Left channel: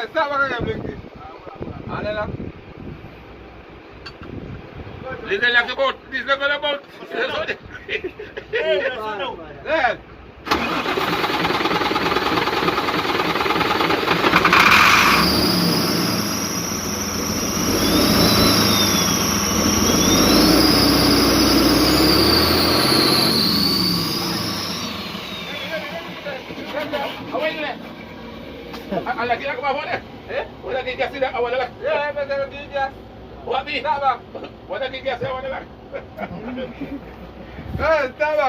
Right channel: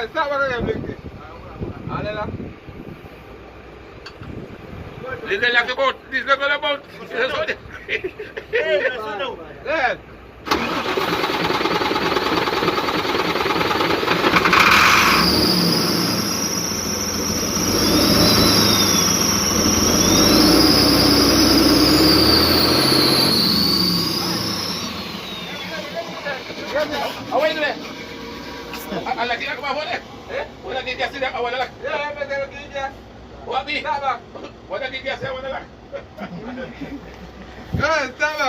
Sama ka yung blinky. Ano lang? Diesel lang sa boat. Diesel ko na boat. Yan. Away na lagi ako ba wala? Wala di kasi na awala lang. Yan, masarap din dyan. Wala di. Sama. Wala di kasi awala lang. Sama.